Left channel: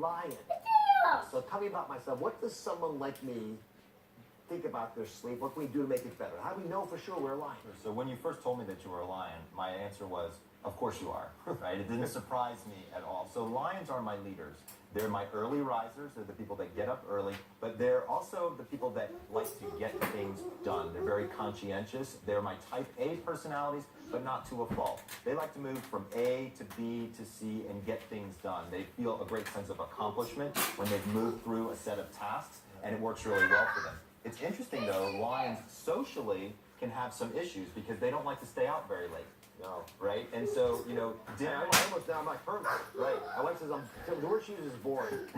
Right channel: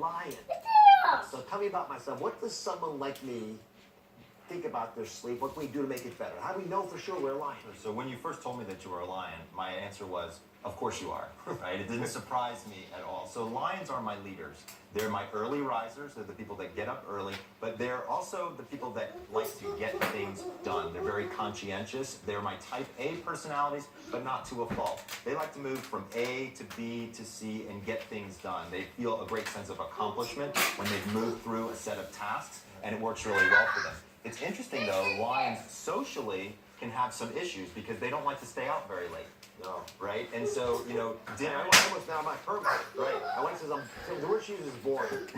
lion. So tell me about myself. What does someone like me think about their sleep? What can we do to make it better? How do we know for sure we're a lion? So when you first told me that you were a lion, my answer was, of course you are, right? It didn't surprise me at all. So lions are my leaders. They're my early risers. They're the people that get up early, but they're also the people that like to get things done. They're very conscientious. They're my type A personalities, but not to a fault. They like to move from A to B to C and get things done. They feel a great sense of accomplishment when they've moved through a set of tasks, and it works really well for them. It's interesting though, lions socially can have some issues because they don't like to stay out very late. No. Right? And so, dinner. I almost down my permit. Right. I went to the word she uses is boring.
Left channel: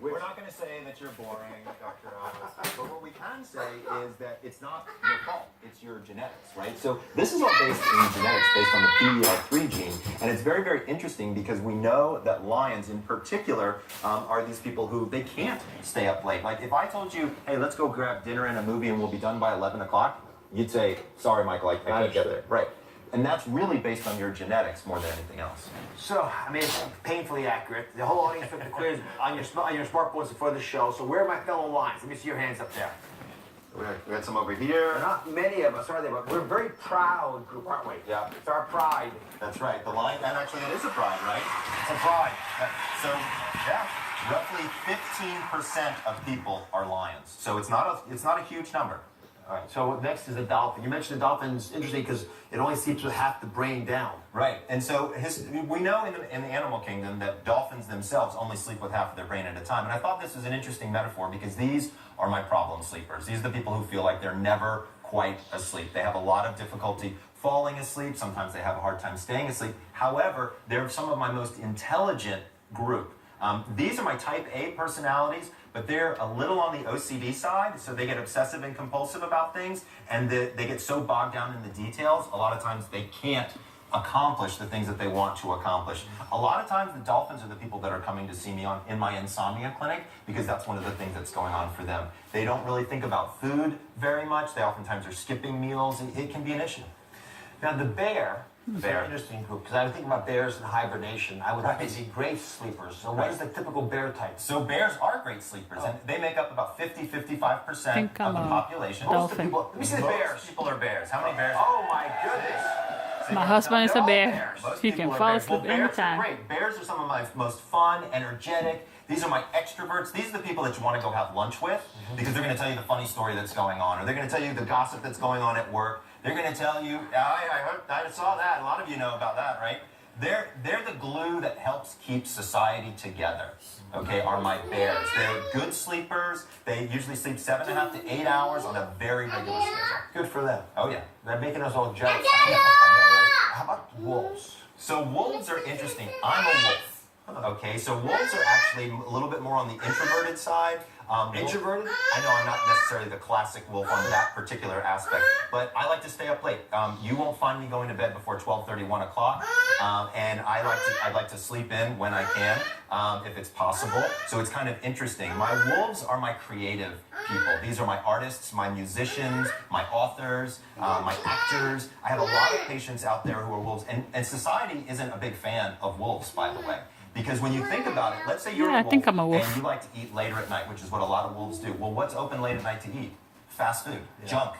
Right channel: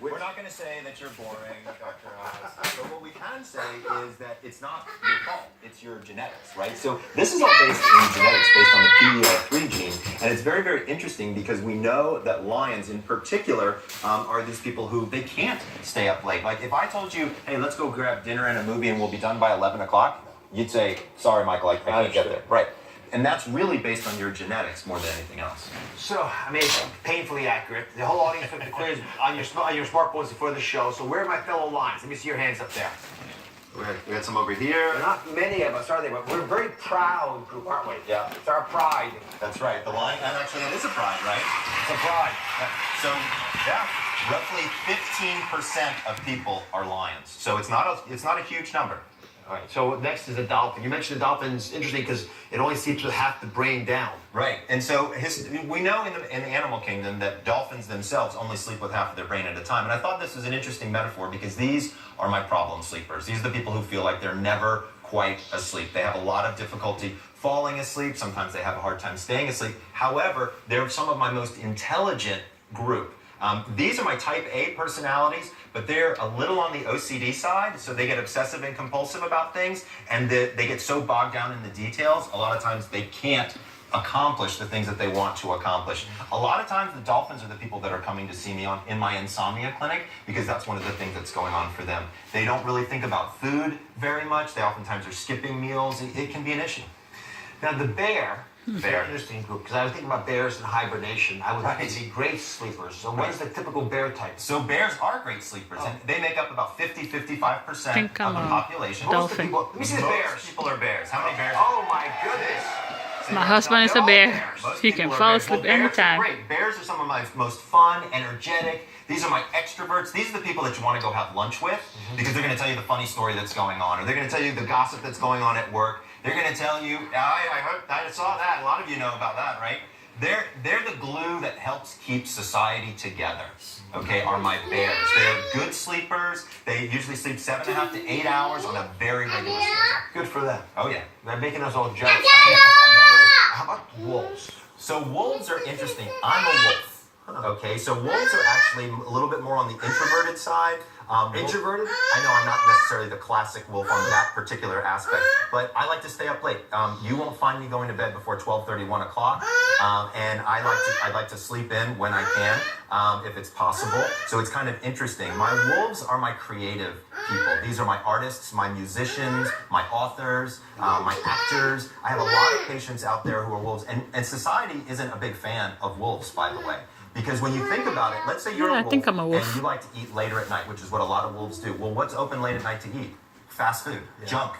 We're not going to say that you're boring, Dr. Office, but what we can say is that it's not your fault. It's your genetics, right? So this is all based in genetics, based on the PDL3 gene, and it's very, very interesting because we know that lions in particular are these people who they can't stay up late. Like if I told you, hey, let's go grab dinner and a movie and we'll be done by 11 o'clock, you'd say, sorry, Michael, I can't get there. Right. And that's really based on your genetics more than anything else. So, I mean, it's painfully accurate. The whole audience took the quiz on your smartphones before the show. So where are my fellow lions? Let me see your hands up there. We had some over here. Not many of us, are there? But we're a very proud group, aren't we? Yeah. It's our pride. That's right. The lion, and actually it is a pride, right? It's a pride. So, yeah, roughly 15% of people are lions. So it's not a huge number. All right, so next is a dolphin. You mentioned the dolphin's interesting because it only sleeps with half the brain down. Right, and so we know in the animal kingdom that dolphins themselves only sleep with half of their brain at a time. And I thought this was an interesting metaphor because these are my problem sleepers. These are the people who feel like they're never quite asleep. They have a lot of difficulty falling asleep. Sometimes they have a hard time staying asleep. However, they're some of my most intelligent group. These are my type A personalities, but they're a little on the OCD side, so they get obsessive and compulsive about things, and they get so bogged down in the details, a lot of times they can't accomplish the things that they want to accomplish. A lot of times the dolphins are the people that are coming to see me in my insomnia clinic because that's one of the things that's going on for them. They don't really think about food very much. They oftentimes are skipping meals. It can be an issue. Now, the bear. Very interesting group, because I was thinking about bears in hibernation. I would like to see great sleepers. So what is the typical bear type? So bears are great sleepers, and they make up about 50-55% Think of the I'm a population. dolphin. Let me see the bears. Most people are bears. How many bears? Oh my goodness. My husband is a bear. Most He people can are fall bears. asleep Well, bears are anytime. great. Bears are some of my most fun, energetic. These are my extroverts. These are the people that you want to go have lunch with because they're going to tell you the funny story that's going on, or they're going to tell you the gossip that's going on at work. They're going to tell you, I saw that. A lot of you know about that, right? They're the glue that helps keep society together, okay, are my bears. They're good sleepers. They usually sleep 7.5 to 8 hours on a very regular schedule. Good for them. Oh, yeah. They're making us all jealous. I know, right? How about wolves? So wolves are interesting. I'm a wolf. Okay, so wolves are actually a little bit more on the introverted side. Introverted? I know I'm not necessarily the classic wolf on that particular aspect, but I like to stay up late. You won't find me going to bed before 12:30, 1 o'clock, and I like to sleep in when I can, if it's possible. So it's kind of interesting. My wolves are my creative people. These are my artists, my musicians, my authors, my actors. I have a lot of patients out there who are wolves, and society isn't a big fan of wolves, by the way. Because when you think about it, let's say you're Yeah, a I wolf, think I'm a wolf. and you like to eat later at night, which is what a lot of wolves do. Well, what's open late at night to eat? Fast food, junk.